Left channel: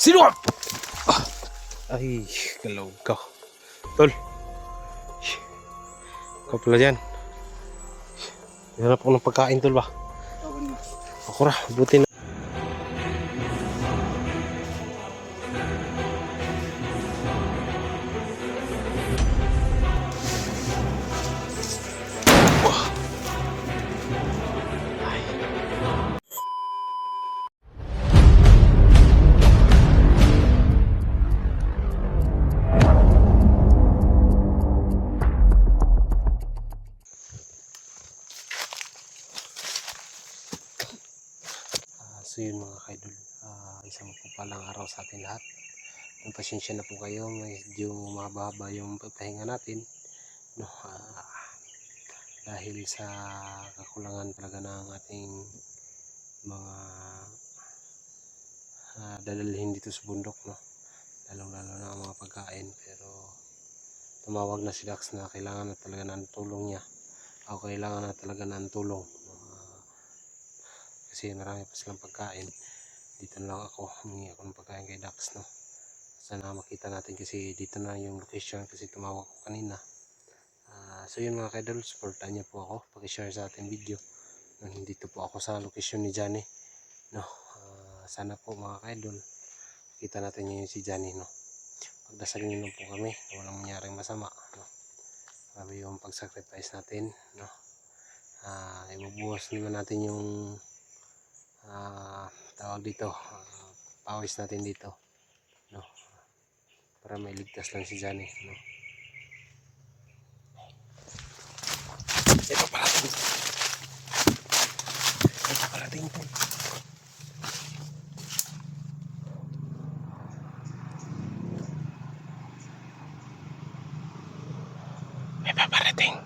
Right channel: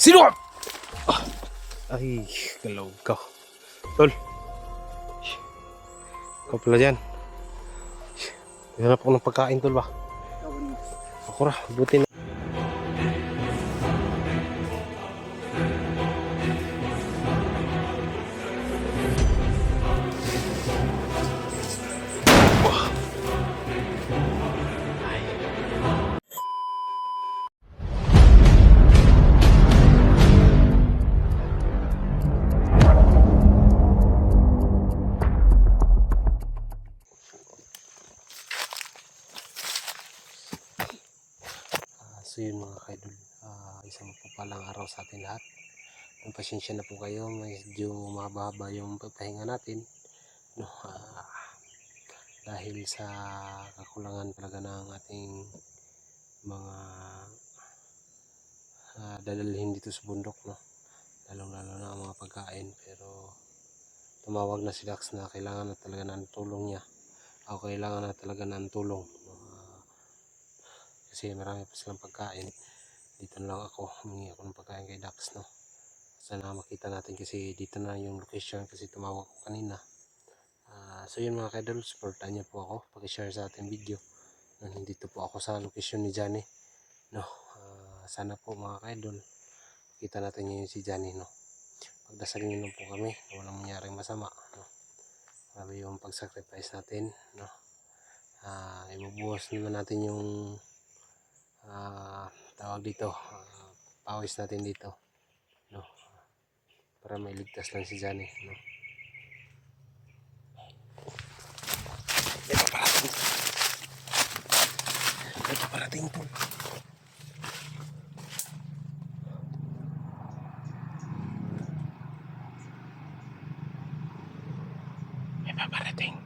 Sino ka? Ay, galawag ka. Tol. Ikaw pala dyan. Hinanap ko ng pagkain, tol ba? Ako ra, buti na. So yun mga kaidol, isang palang araw sa atin lahat. Pasensya na po kayo, medyo mahaba yung pagpahinga natin, no? Dahil sa kakulangan talaga ng ating mga dadalhin dito sa bundok, no? Lalong lalo na ang mga pagkain. Pero tumawag na si Dax na kailangan na talaga ng tulong niya, o kailangan na talaga ng tulong, no? Kasi marami pa silang pagkain. Dito na lang ako, humingi ako ng pagkain kay Dax, no? Sana makita natin kasi dito na yung location kasi tumawag ko kanina. So yun mga kaidol, supportan niyo po ako, pakishare sa ating video. Nandito po ako sa location ni Johnny, no? Sana po mga kaidol, kita natin yung si Johnny, no? Pagdasal niyo lang po kami na walang mangyaring masama, no? Grabe yung pag-sacrifice natin, no? Ibubuhos naman natin yung tawag dito, pawis natin dito, no? Para mailigtas lang si Johnny, no? Ito parating. Ito parating po. May paparating.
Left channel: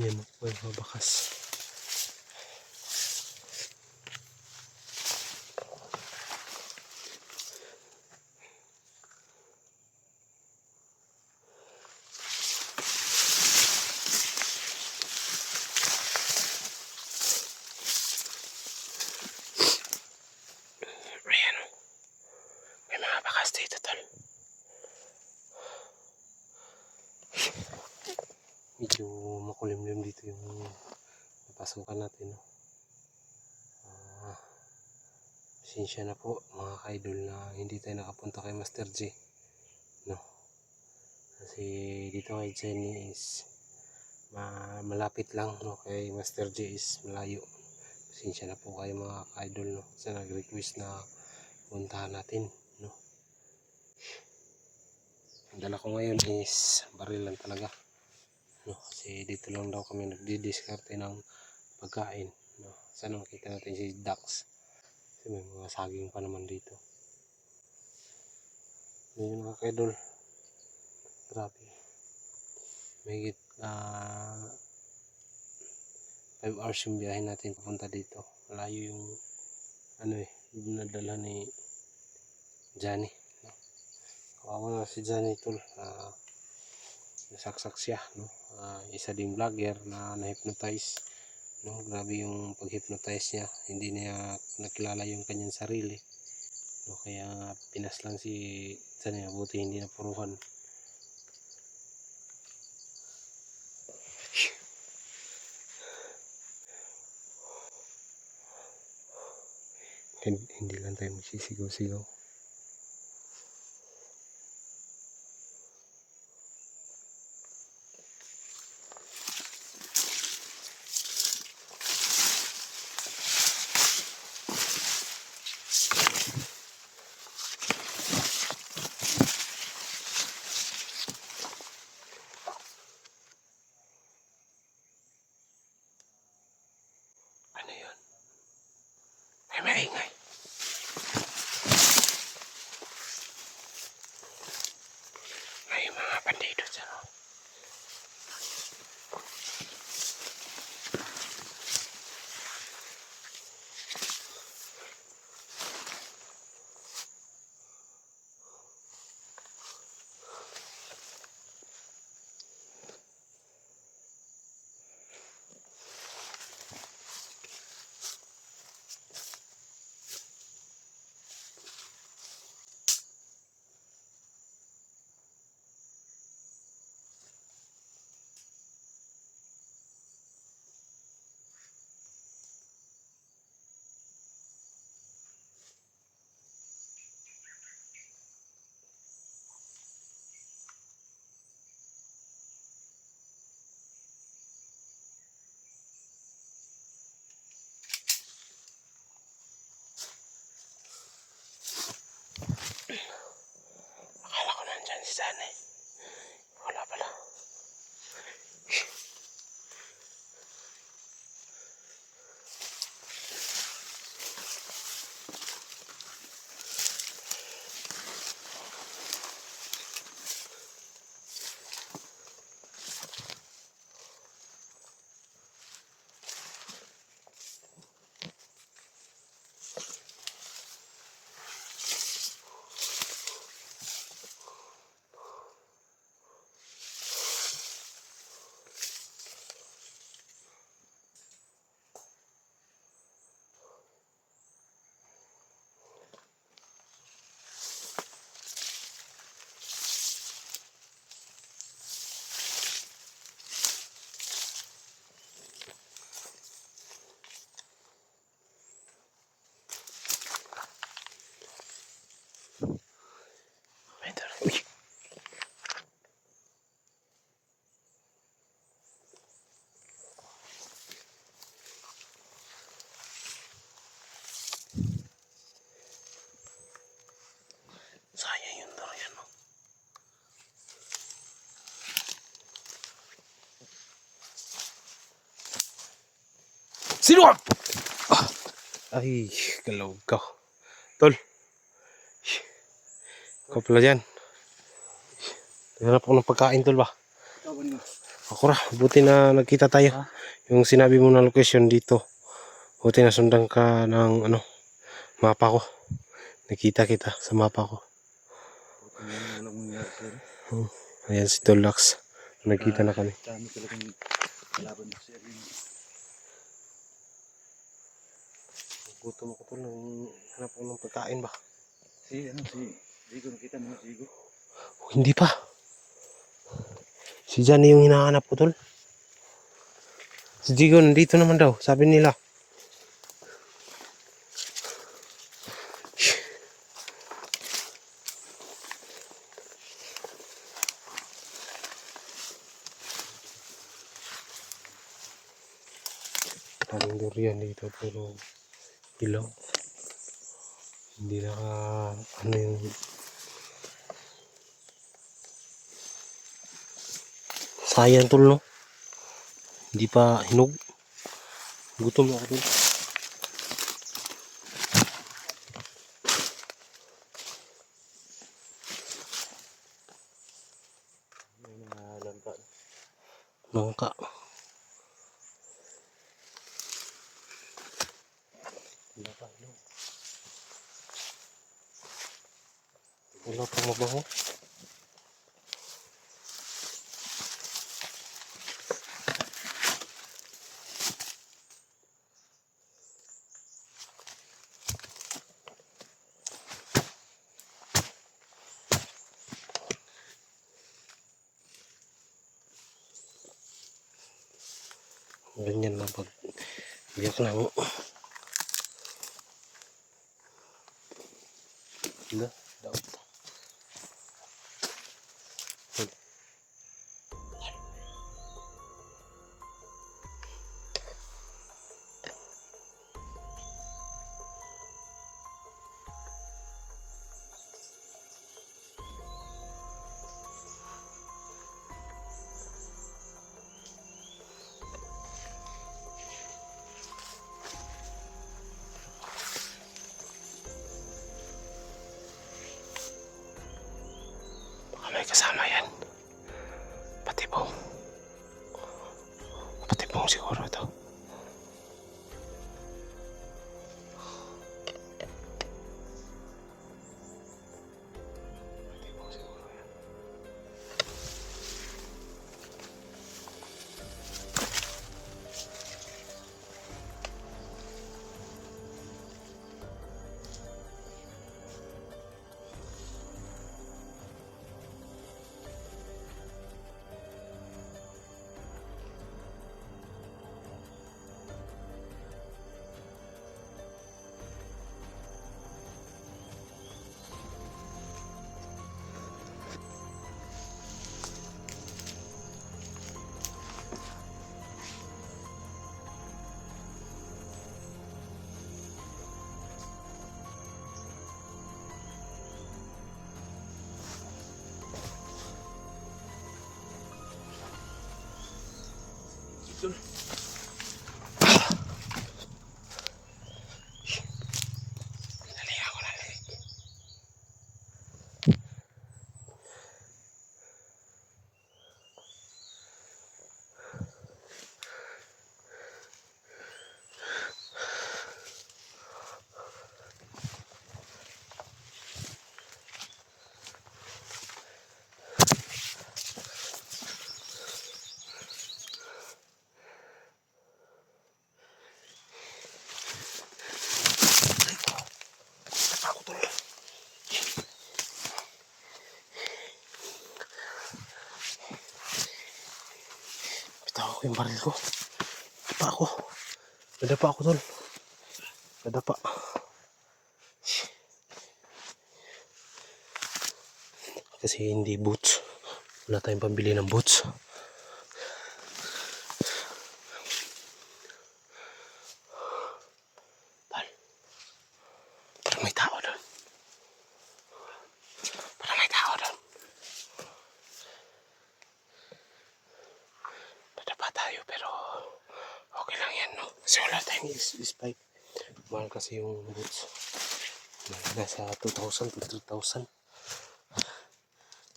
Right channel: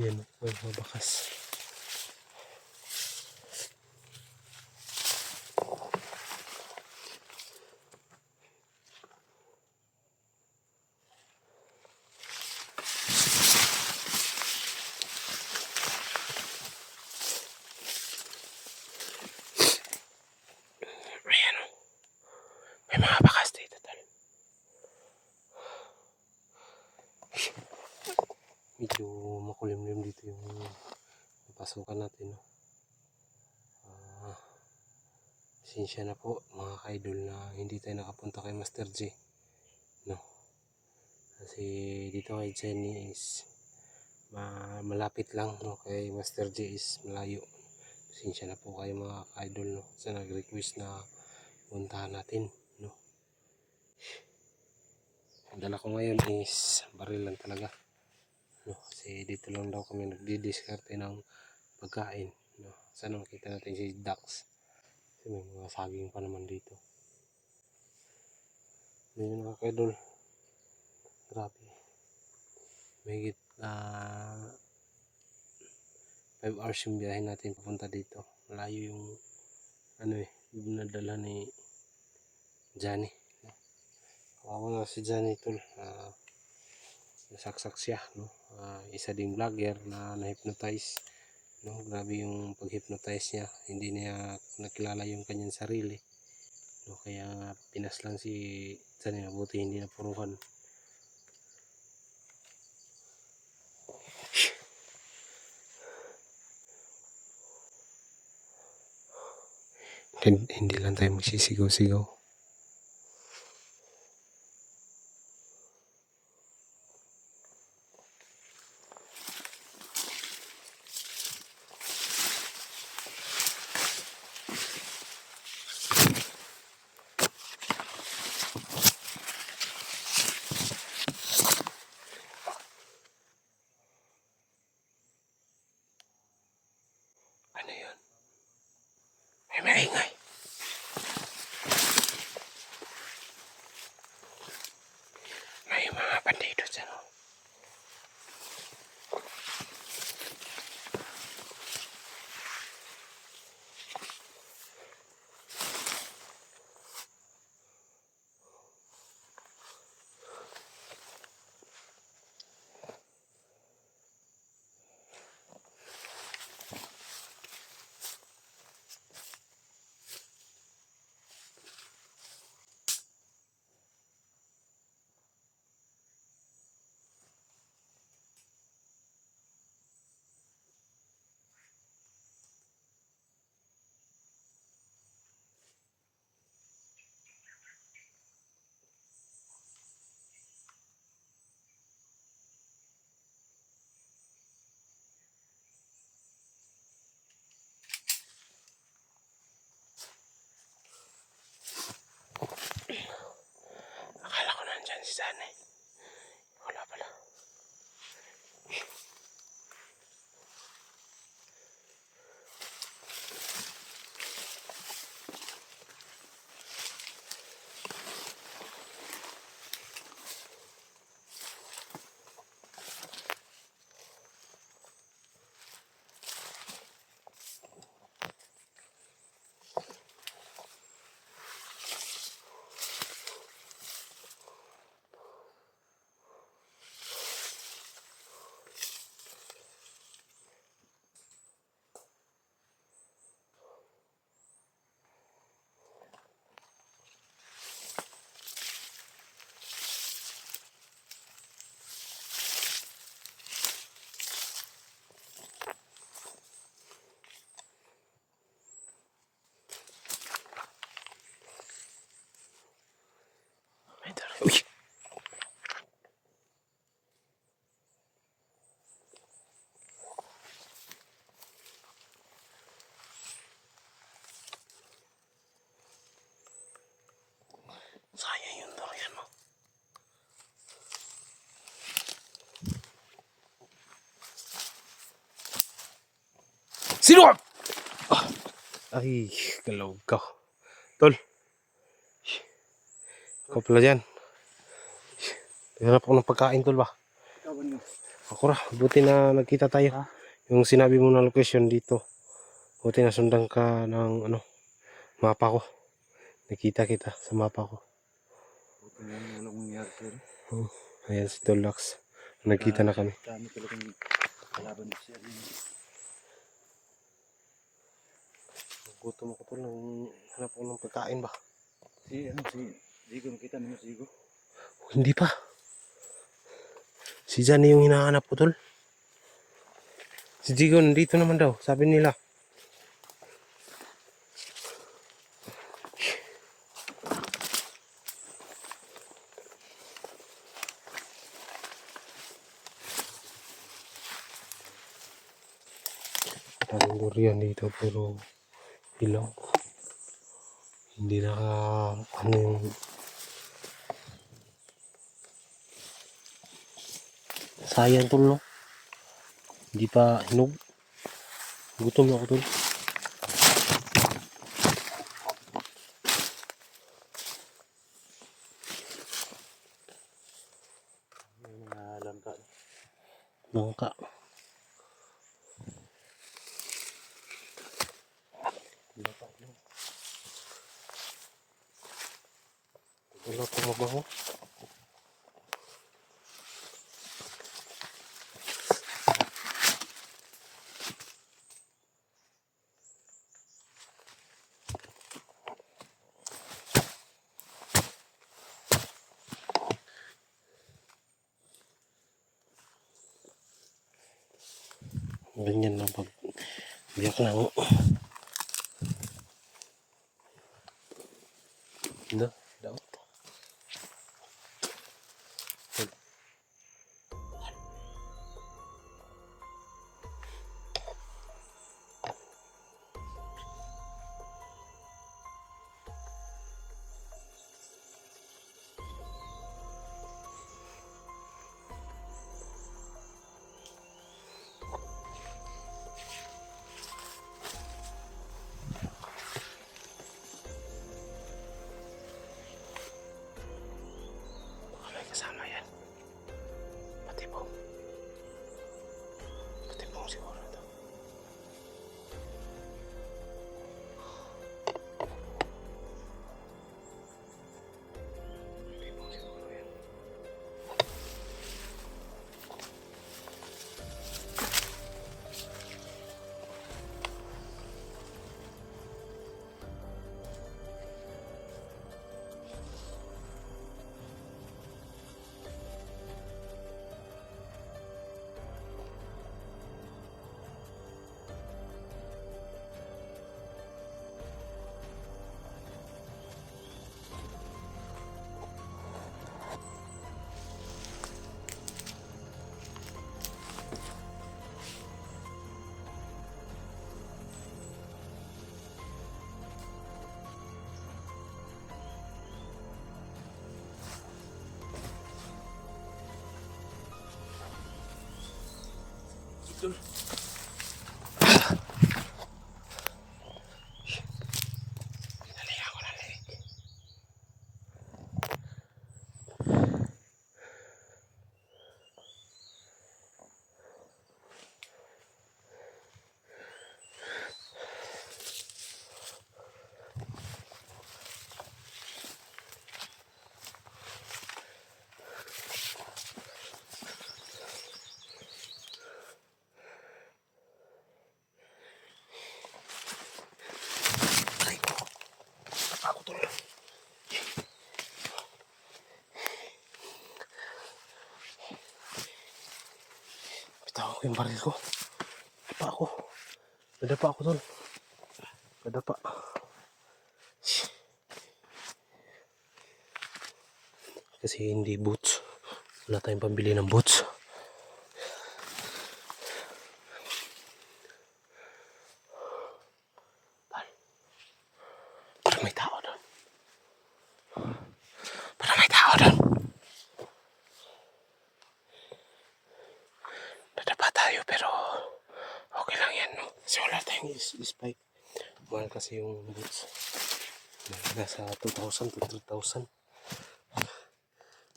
Ayan po yung mabakas. Ayan o. May mga bakas dito, tol. Medyo makulimlim dito yung napasukan natin, no? Pasensya na po mga kaidol na hindi tayo nakapunta kay Master J, no? Kasi dito kay Jenny is malapit lang, no? Kay Master J is malayo. Pasensya na po kayo mga kaidol, no? Sa nag-request na puntahan natin, no? Ang dala ko ngayon is baril lang talaga, no? Kasi dito lang daw kami nagdi-discarte ng pagkain, no? Sana makita natin si Dax kasi may mga saging pa naman dito. Yun mga kaidol, grabe, mahigit 5 hours yung biyahe natin papunta dito. Malayo yung dinadala ni Johnny, no? Kawawa na si Johnny, tol. Nasaksak siya, no? Isa ding vlogger na na-hypnotize, no? Grabe yung pag-hypnotize niya, hindi niya nakilala yung kanyang sarili, no? Kaya pinas lang si Johnny, buti hindi napuruhan. Hindi lang tayo magsisigaw-sigaw. Ano yun? Ay, maingay. May mga bandido sa mo. Sino ka? Ah, ay, galaw ka. Tol, ikaw pala dyan. Hanap ako ng pagkain, tol ba? Ako ra, buti na nagkita tayo. Yung sinabi mo na location dito. Buti na sundan ka ng ano, mapa ko. Nakita kita sa mapa ko. Ayan si Tolax. Nagkita na kami. Dami talagang kalaban mo siya. Gutom ako tol, hanap ako ng pagkain ba? Si Zigo, nakita mo na si Zigo? Oh, hindi pa. Si Johnny yung hinahanap ko tol. Si Zigo nandito naman daw, sabi nila. Daming durian dito pero hilaw. Hindi ano yung sayang tol no. Hindi pa hinog. Gutom na ako tol. May mga langka. Nangka. Wala pa hinog. Wala pa mabaho. Ganyan lang pag biyak lang. Ano? Daw. Baka may kasama yan. Patibong. Patibong siguro to. Patibong siguro yan. Dali ako na leg. Ako tol. Bitaw ko yung baril ko. Nadapa ako tol. Nadapa. Kasi hindi boots. Wala tayong pambili ng boots. Parang may tao doon. Parang may tao doon. Nadapa tayo pero okay lang yan no. Kasi wala tayong mahal kasi yung boots. Nasa 2,000 to 3,000.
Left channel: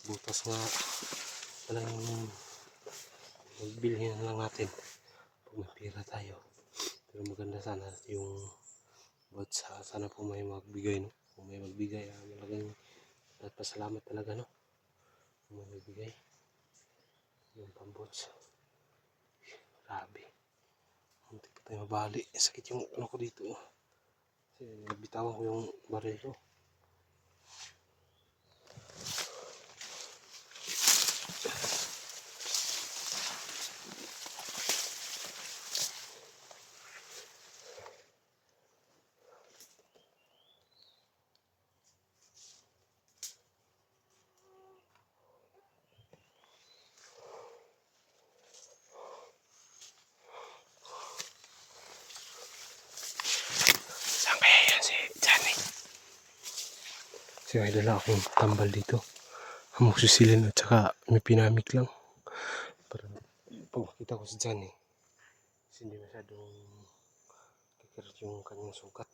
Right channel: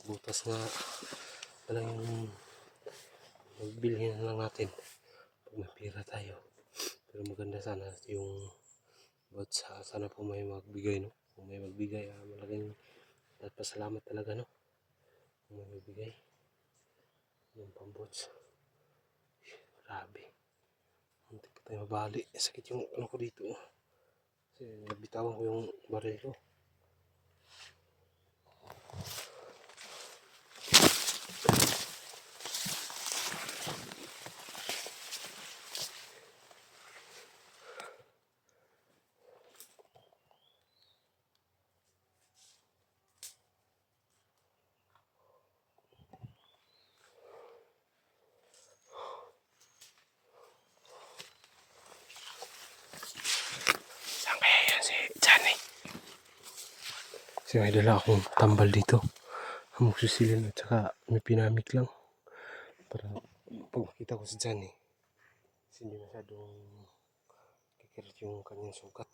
Butas nga wala yung magbilhin na lang natin pag may pera tayo. Pero maganda sana yung boots. Sana po may magbigay, no? Kung may magbigay, malaking at pasalamat talaga, no? Kung may magbigay yung pamboots. Grabe, hindi pa tayo mabali. Sakit yung ano ko dito, kasi nabitawan ko yung baril ko. Saan kaya yan si Johnny? Kasi may dala akong tambal dito, amoxicillin at saka may pinamik lang para pag makita ko si Johnny kasi hindi masyadong kikirit yung kanyang sugat.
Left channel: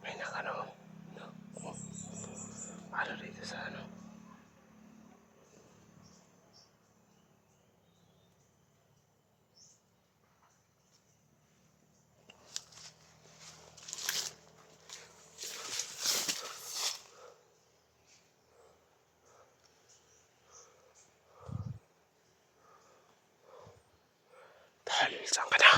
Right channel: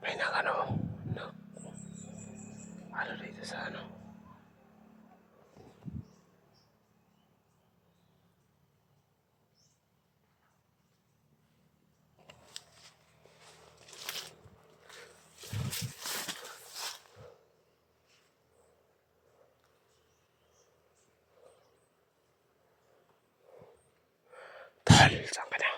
May nakano, no? Ano dito sa ano? Tol, saan ka na?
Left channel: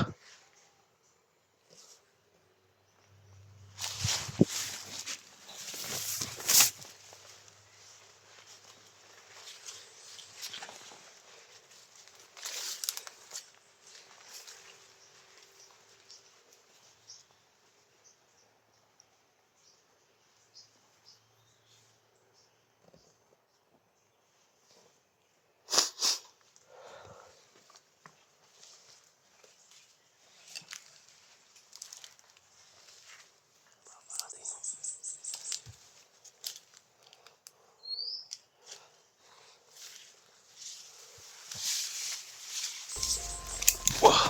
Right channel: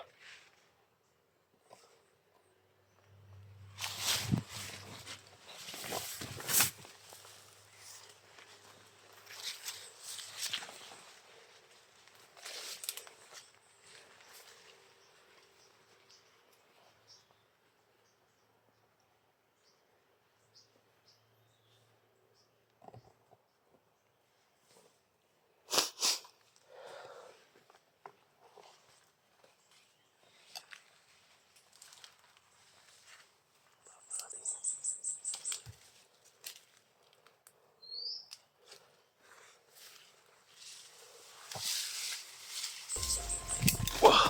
Wah!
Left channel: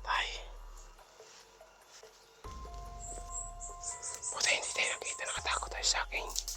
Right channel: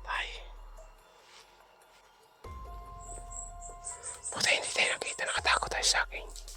Patay. Buti hindi tayo nakita, nakatakot tayo sa akin.